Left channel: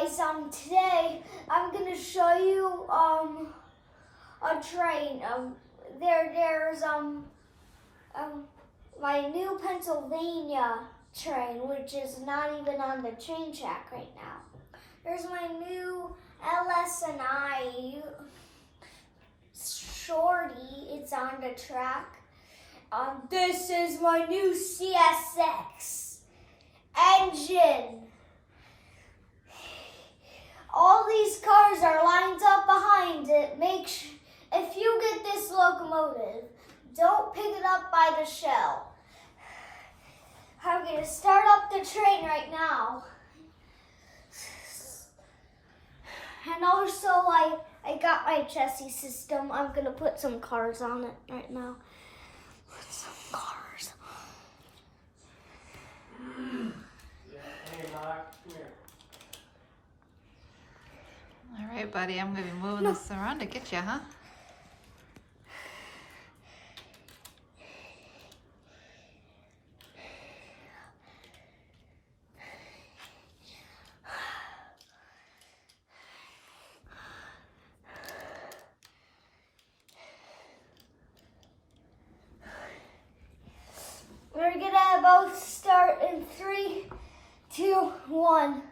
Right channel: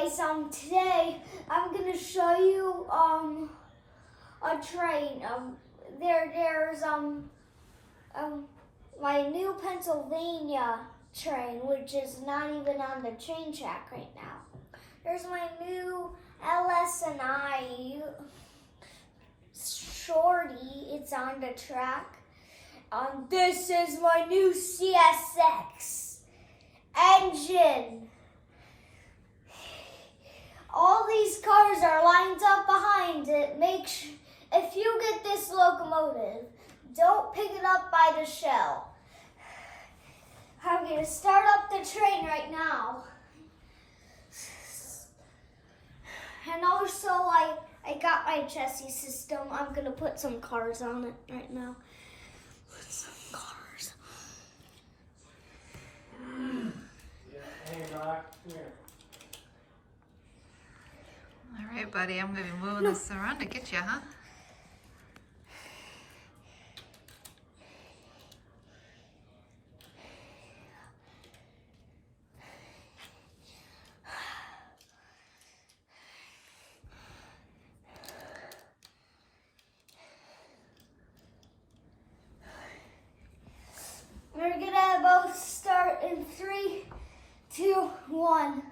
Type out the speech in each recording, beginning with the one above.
guys, today I'm gonna show you a train. There's my new Pennsylvania train, which is not even on the train track right now. There's my new LS&I Shorty. It's on the track. This is my new CSX engine. All these cars are lined up behind it. If you get this locomotive, don't pick it up by the shell. I'm going to start up the train right now. And also, I got my chassis system. I'm going to put some cars on it right now. Put some cars. Hey, Mark, come here. All right, buddy, I'm going to be moving this around to get you, huh? We're gonna both start in 3, 2, 1.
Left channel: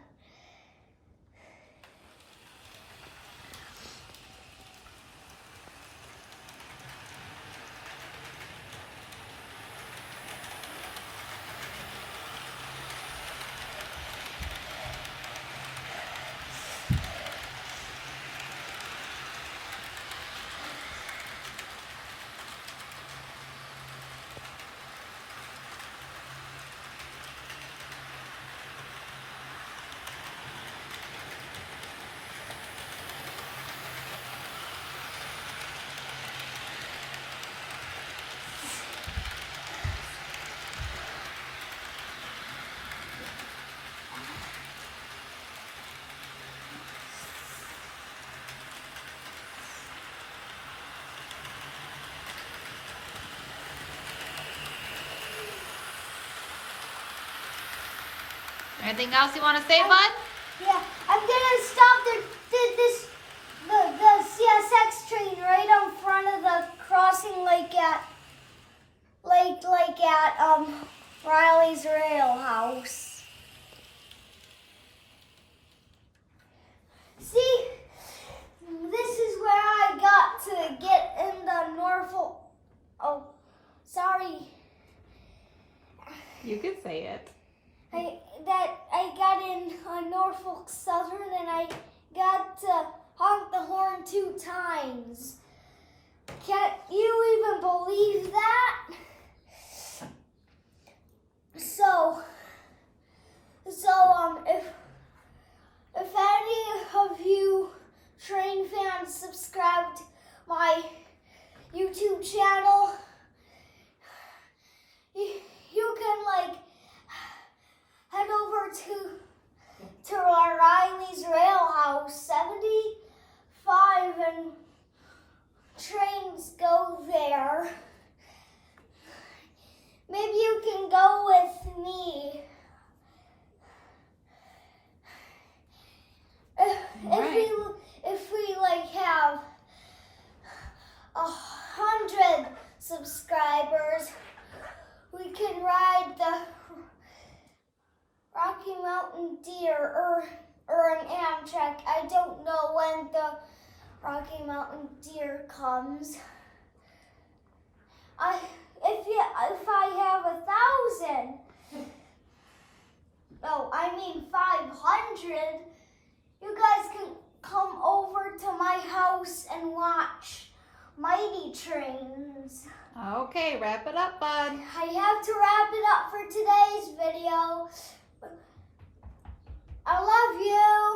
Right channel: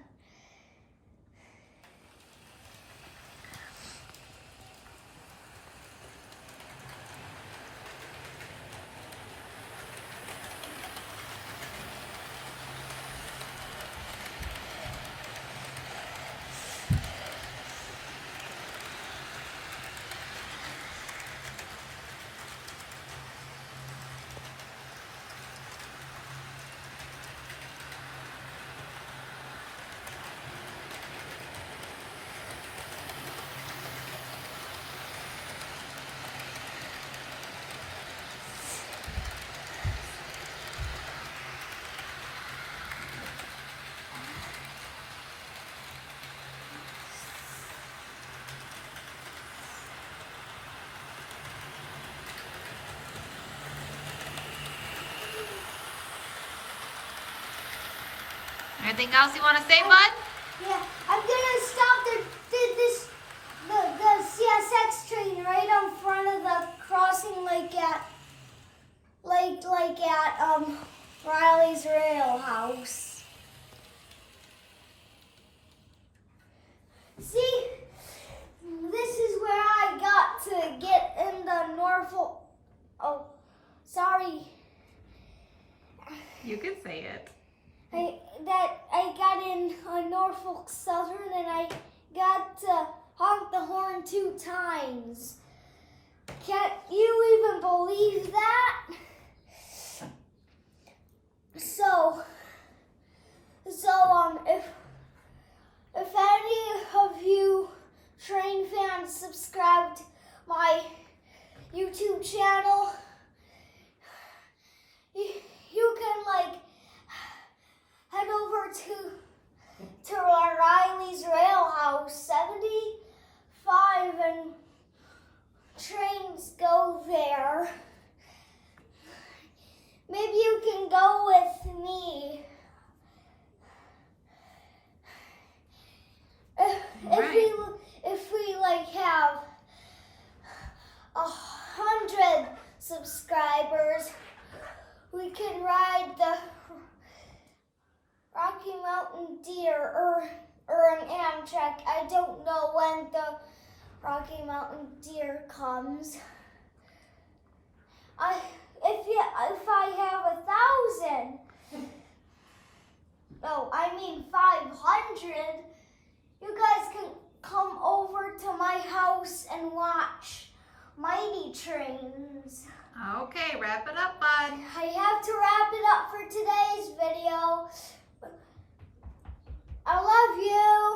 Anything else you want to say, bud? Yeah, I'm gonna stop the CSX train right in front of the crossing, like at Riley's Rail House. See, this is where I got to get in the Norfolk. Oh, sorry. You can say it. I got in Norfolk Southern, and I got to honk the horn 2 times. Can't you even believe that? So if any of you train fans subscribed my YouTube channel, you can head over to our Riley's Rail House 75, and trains go there. Maybe you can go with me. If we have 100 subscribers, we can ride the Rocky Mountain Deer or an Amtrak. I don't know when the Rocky Mountain Deer comes. If I have 1,000, no, I mean 500, you guys can come over to my house and watch Mighty Trains. Okay, wrap it up, bud. I have to wrap it up for today's video. I love you.